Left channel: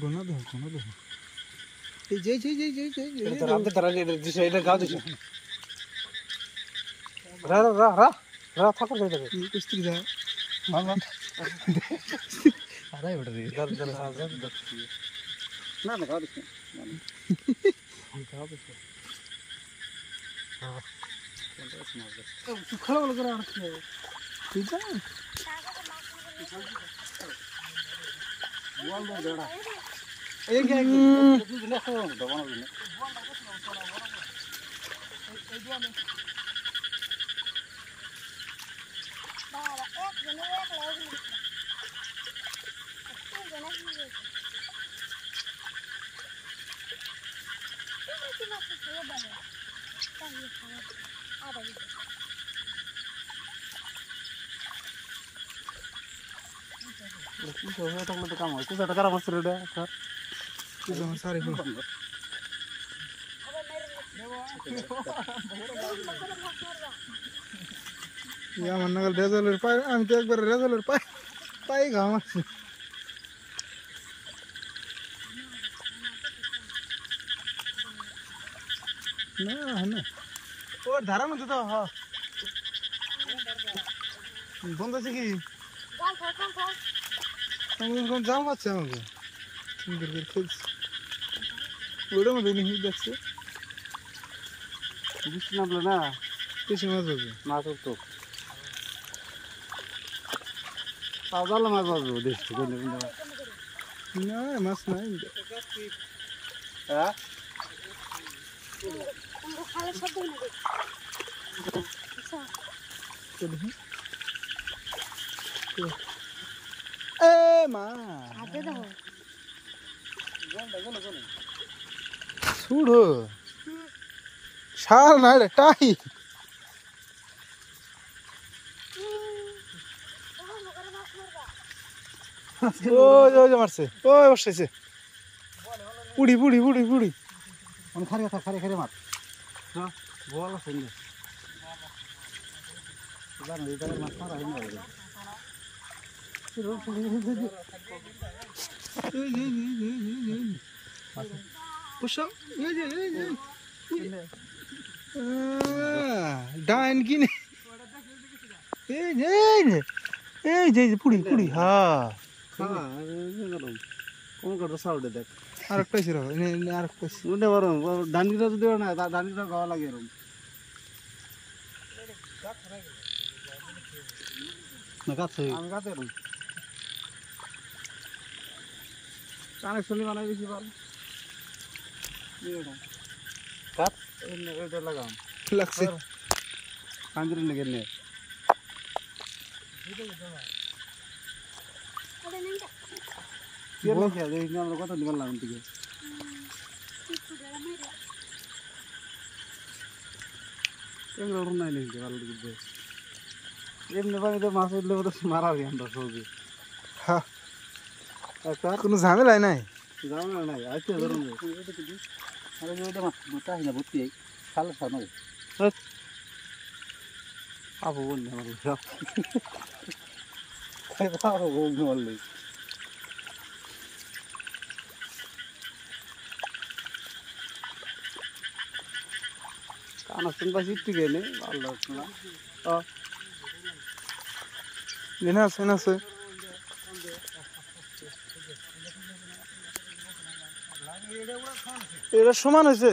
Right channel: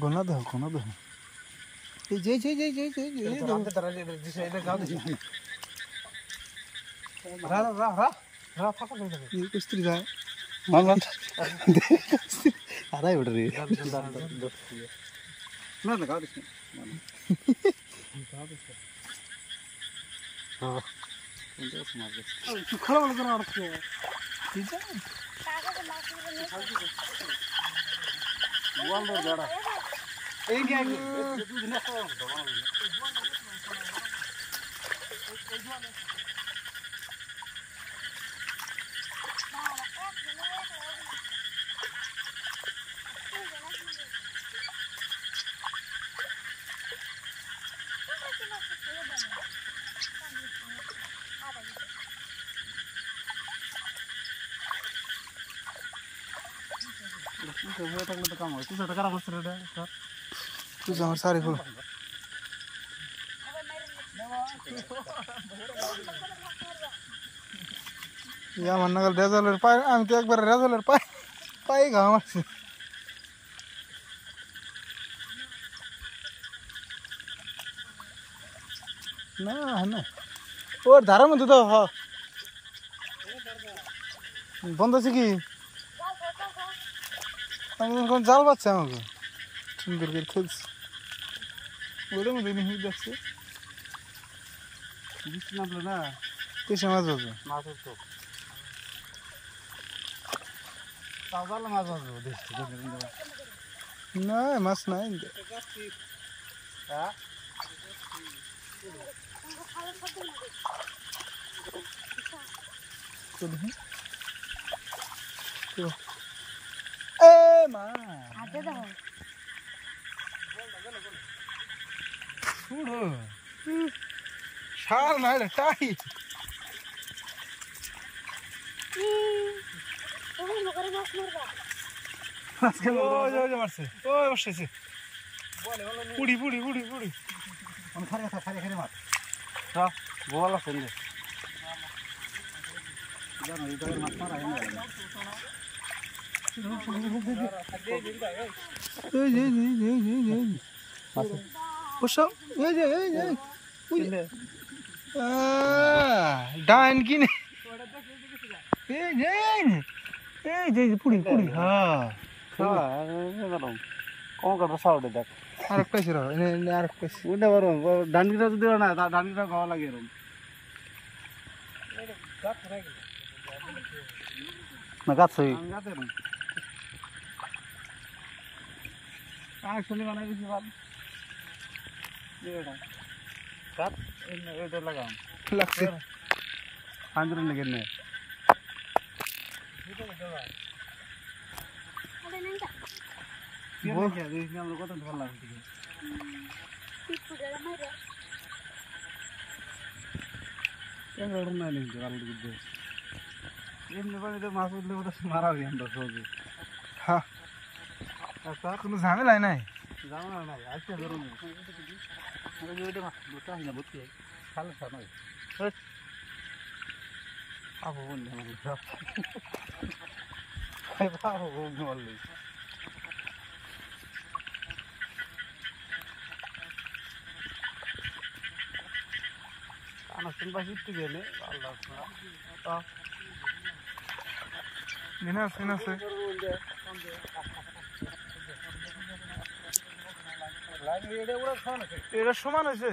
গোনা দেখো গোনা দেখো এই যে রা রা রা রা থাকা যায় দেখো এই কুস্তি যায় মান আড়াই উঠে রে না না গাও দেখো হ্যাঁ খড়া বলে করে আড়ছে ঠিক আছে ওয়াল দর দড়া এই কে দিলে তো দবানো দিলে तो काम है तुझा करा मस्त रेड सर तुझा मस्त सारे फुल या मन नगल रेजलर पाय आम्ही तो एक बार रेजलर पाय घाम ना है ना और धारा में तो हां बंद আছে কি আমি কোন জাল পাচ্ছি আমাকে সুন্দর করে খেলছি ওটা মধ্যে নিয়ে দেখছে বৃষ্টি নামলো না কিসে মাছ হবে মাছ তো তাও জাল মাছ হবে দেখছি না মাছ নাই হ্যাঁ ए मां आते तो सूडो शाल नाडे टाई ओ जो मारছে ও বসেছে পুড়ি পুড়ি পুড়ি পুড়ি আমি খারে মার হ্যাঁ বল আছে নে জানো এই জায়গার মাছ মারা হয় না puxa डाइन की पुड़ी पुड़ी हाँ कौन कर रहा है देख आरक पैसे रहो इन्हें आरक पैसे उन्हें वरुण डाइन की तो दिया ना डाइन की तो गावा लगे रूम मैं काट सही কানেকশন লি বানাই দিছি ভালো এটা কাট এটা লাগাম লাগছে আন্দর লাগে নে বল কি দেখি আমরা কত দিন লাগাম ঠিক আছে এগুলো না নেই ভালো দিবে এমনি পানি তো মাছ উঠলে তো মারা যাবে আমরা সহজে হ্যাঁ কোনো ঝামেলা নাই ঝামেলা নাই আচ্ছা ধরুন আবু বললে কানা শুনবা শিখতে গেলে আছে এটা সমান হয়েছে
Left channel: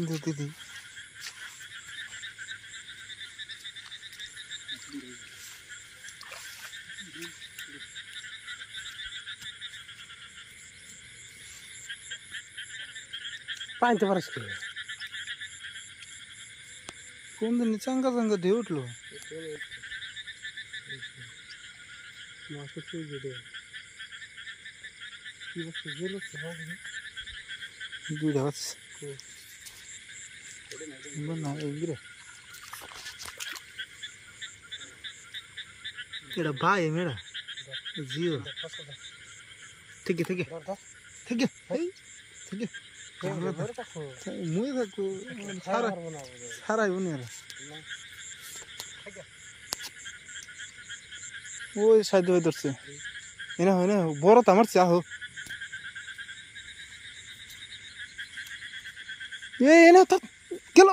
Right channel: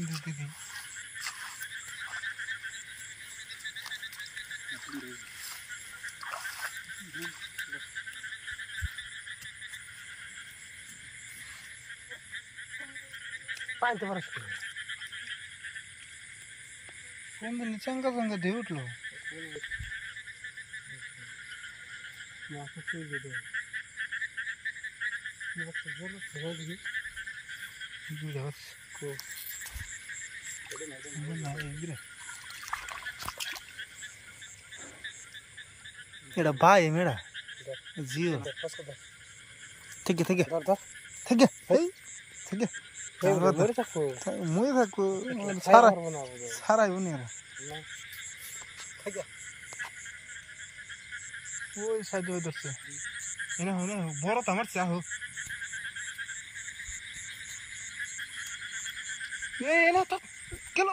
दीदी পাইতে পারিস কি কোন দিন চাঙ্গা চাঙ্গা দিয়ে উঠলো মাছ কি যেতে কি বলছিস গুলো সব দেখি দুইটা বাচ্চা না এগুলো এটা ভাই মেয়েরা জিও থেকে থেকে থেকে এই থেকে মুই থাকবো সারা সারাই উনি এরা ওই সাহায্য হয়ে ধরছে এনে হয় না বড় তো আমার চা হোক এনে গেল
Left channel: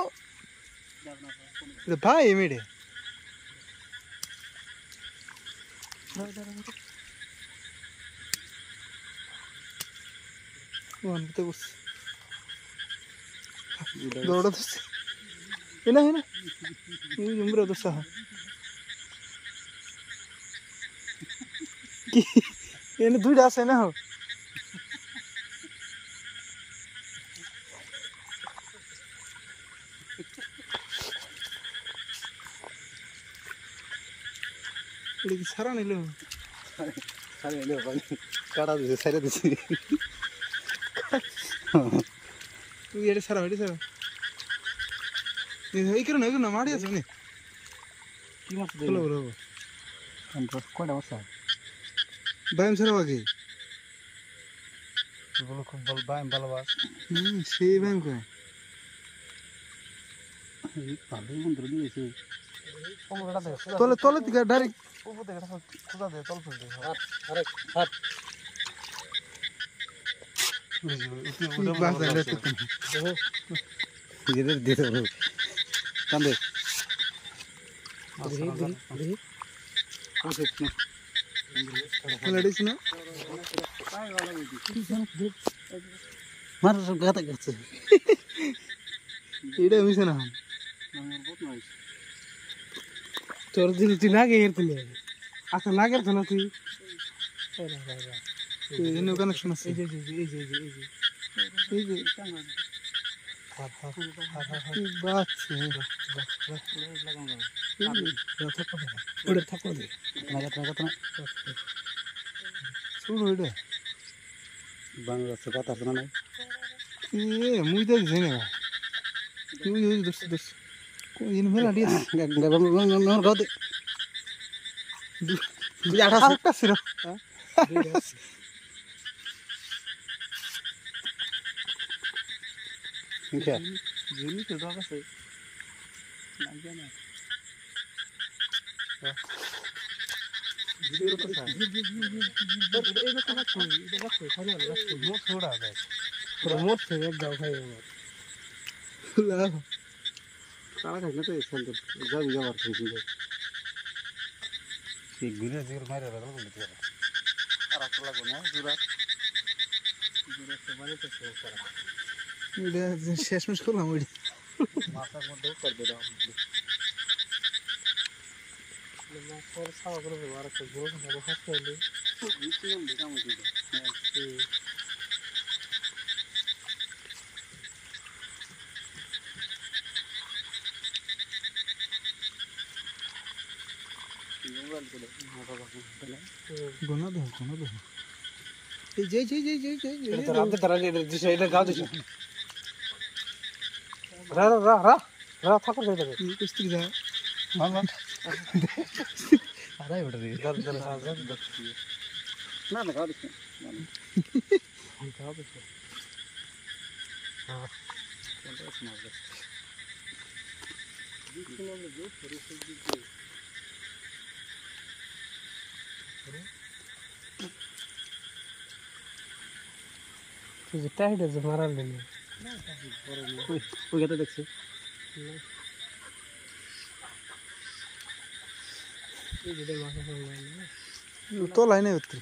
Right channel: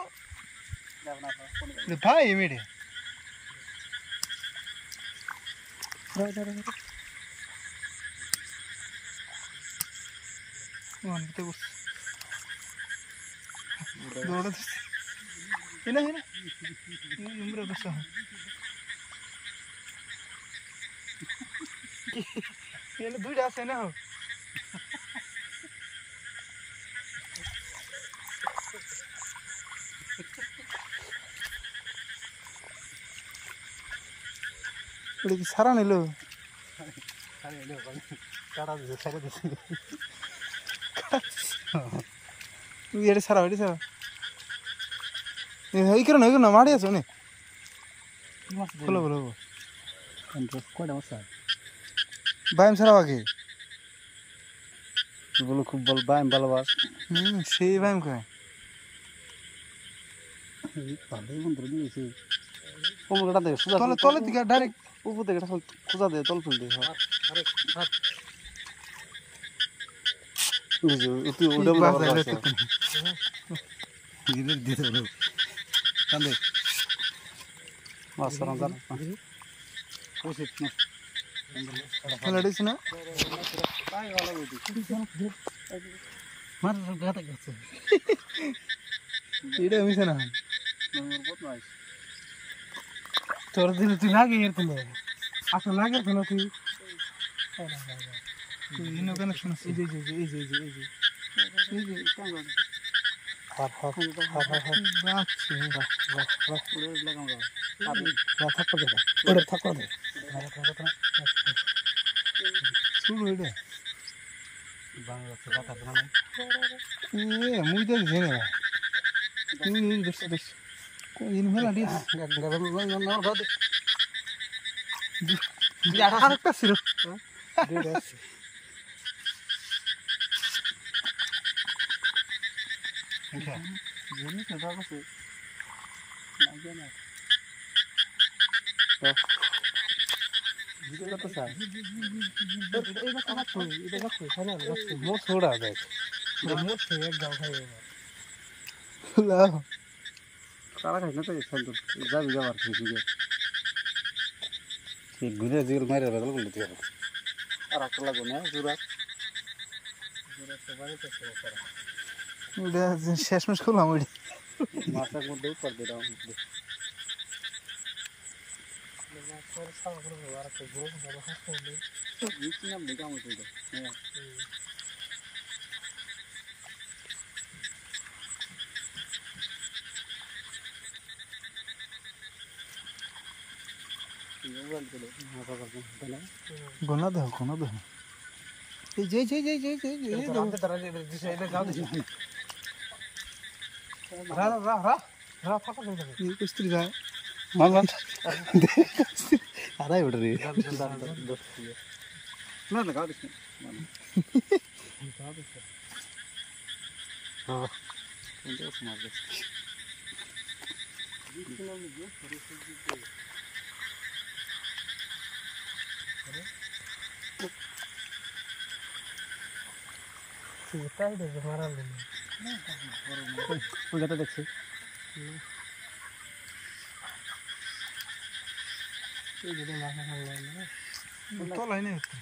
ভাই মেয়েরে দৌড়া ধরছে এনে হয় না উমরা ধরছে কি এনে দুইটা আছে না হোক কি সারা নিল কাটা দিছে সারা দিছে এটা সারা হইতে সারা এই করে না মারি আছে অনেক কি মাছ বলো বলো কয়টা মাছ ব্যায়াম ছাড়াও আগে বলো খুব বল ব্যায়াম ভালোবাস সেই ব্যায়াম কয় ভালোই মন্ত্র দিয়েছে কোমরটা দে তলে তলে থেকে ডাইরেক্ট উপর থেকে খোঁজা দে তল তুল দে কান্দে লড়িস না এটা মিশে না তোর দিল তুই লাগে এর তুলে আচ্ছা লাগে তো না তুই এনে কানেকশন আছে এই যে এই যে এই যে এই যে এই যে হাফ হাফ হাফ হাফ বাচ্চা লাগাম দাও থাকতে দে ওটা থাকতে দে লাগা শুরু এটা বাংলাদেশে কথা আছে না মুই তো জেনে তুই দোস্ত দোস্ত কোন মেলা দিয়ে গদে আরেকটা ছিল জেনি তো দাও আছে না জানা ভিডিও তো স্যার এটা তো হাত এটা দেখো খানা রাখো মোট ছোড়া দেখ পুরো মোট থেকে দাও খাই লাভ সারা খাই না তো শান্ত যাবি যাবার ঠিক আছে এই ঘুরে জিগর মাইরা বদল করে দিও আর আপন লাগো না জুরা সবাই তো শেষ এটা শেষমেশ করলাম ওই মাথার মধ্যে উপর দিয়ে দাও তোর সারা করে আর তো জোর করে হাসতে হলে নিচে নাম লেখা মতো এটা হ্যাঁ গোনা দাও এই যে তারা দিশা এটা গাও দিশা রা রা রা রা থাকা যাবে এই কুস্তি যায় মামা আরাই উড় রে না না গাও দিশা গাও দিশা হ্যাঁ এটা মার দে দিশা নামে যে পরিস্থিতি দিতে তুই যেটা এটা যে মারার নেই ওই গাতে দেখছি এই যে মাথা সামনে না তো লাইনে উঠতে